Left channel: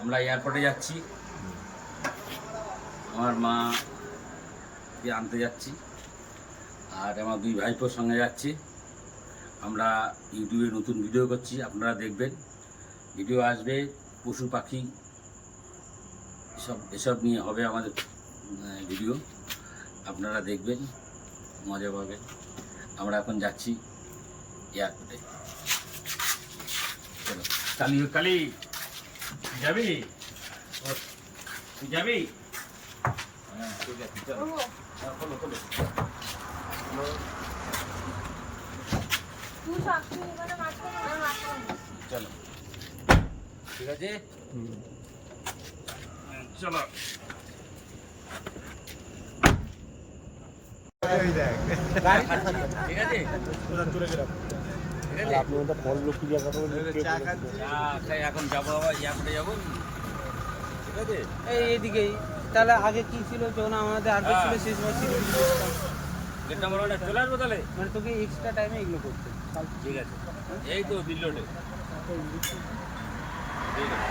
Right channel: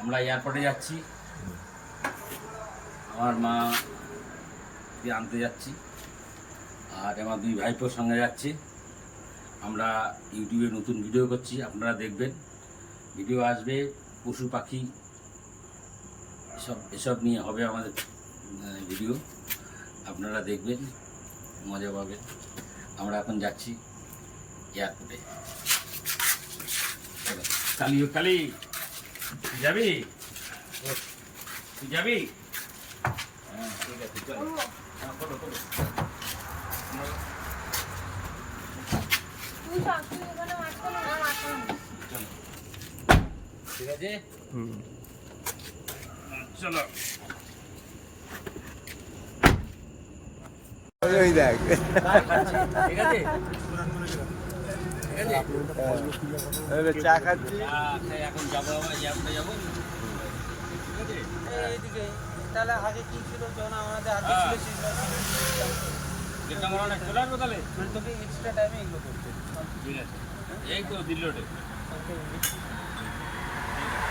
আমরা এয়ারপোর্টে যাচ্ছি। আমার মা আনতে যাচ্ছি। আর আমার দুই ভাইপোর সঙ্গে যাচ্ছি। আমরা ইউটিউবে নতুন ভিডিও করছি, আপনারা দেখবেন। ভিডিও আসবে, পশু পাখি, এসব এসব নিয়ে হবে আমাদের ভিডিও আপনারা দেখবেন, মজা পাবেন। আমরা এখন যাচ্ছি এয়ারপোর্টে চলো। কালি কালি। যাবি তুই যাবি হ্যাঁ ঠিক আছে? চলো হ্যাঁ চলো। ঠিক আছে হ্যাঁ, চলো ঠিক আছে? চা খাচ্ছি। চা এখন যাব আবার এয়ারপোর্টে যাব। ঠিক আছে? এই এইদিকেই তাহলে আগে কি ছিল যখন আমাদের আগে হ্যাঁ। ছিল সেই সময় ছিল গেটটা আমার অনেক চলে আসব তাহলে? তোকে এক্সট্রা টাইমে এগুলো করতে ঠিক আছে। এই তো দিল্লি রোডে ঠিক আছে।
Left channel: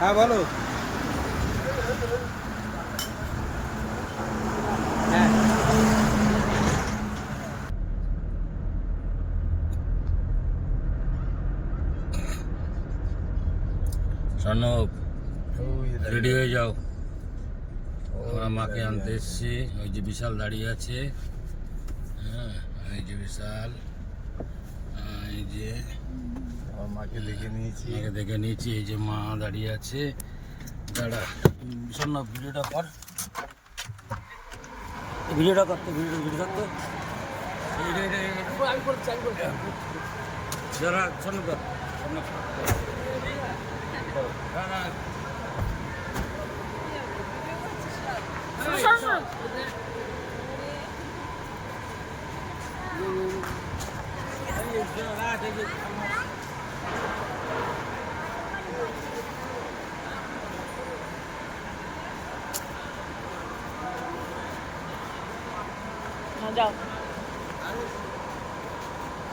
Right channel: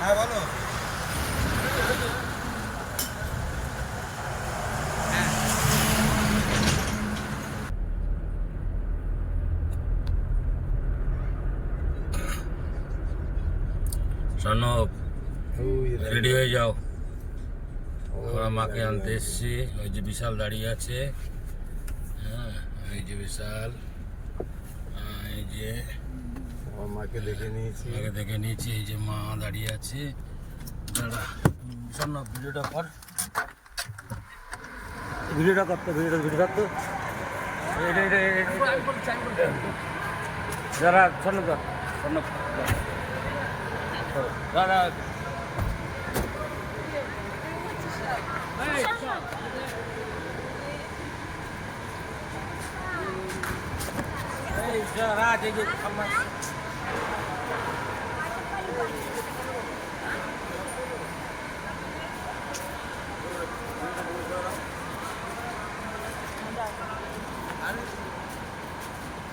হ্যাঁ বলো। স্বর্ণব রেডি হয়ে যাও। আমরা মাকে আনতে এসছি। ওই যে বিশাল দাঁড়িয়ে আছে। হ্যাঁ এই যে বিশাল। হ্যাঁ, এই যে মাকে দেখে নিয়েছি। মাকে দেখে নিয়েছি। এই যে মা দাঁড়িয়ে আছে। দাঁড়া স্বর্ণব ভিডিওটা কর। ভিডিওটা করতে ভিডিওটা ভিডিও করতে যারা স্বর্ণ কর স্বর্ণ দাদা এই যারা দেখে আমার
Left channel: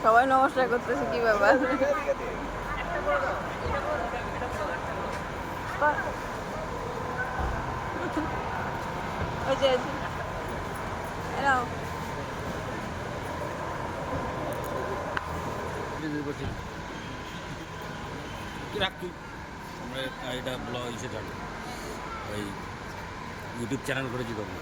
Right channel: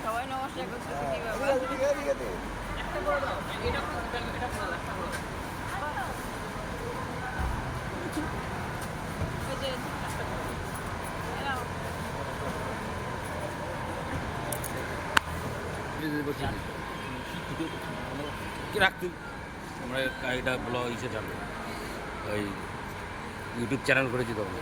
সবাই নমস্কার করতেছে কি। কি আমরা এটা ব্লগ ইসে চালু ওই ইউটিউব চ্যানেল করেছি তখন।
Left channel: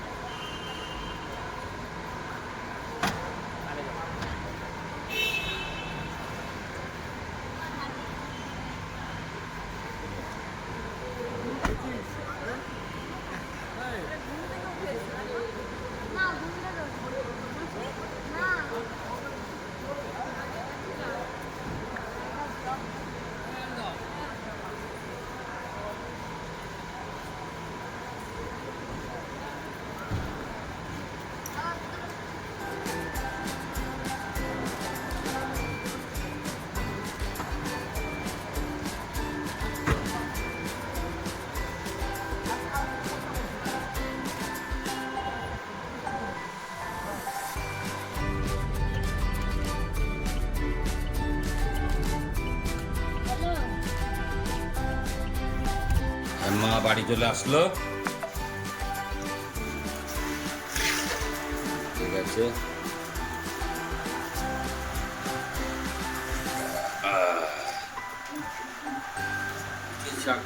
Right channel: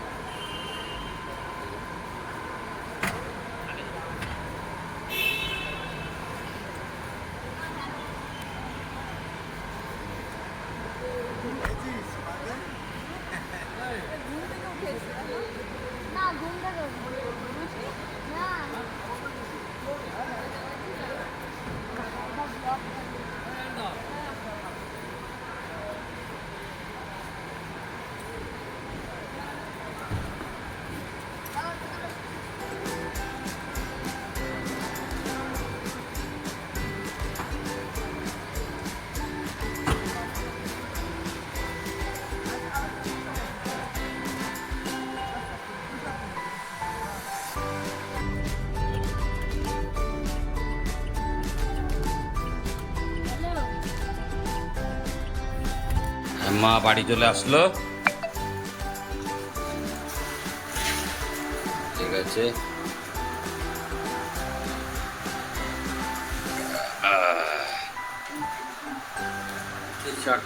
なるほど。মা বাড়ি চলে আসলো। ঠিক আছে। ঠিক আছে।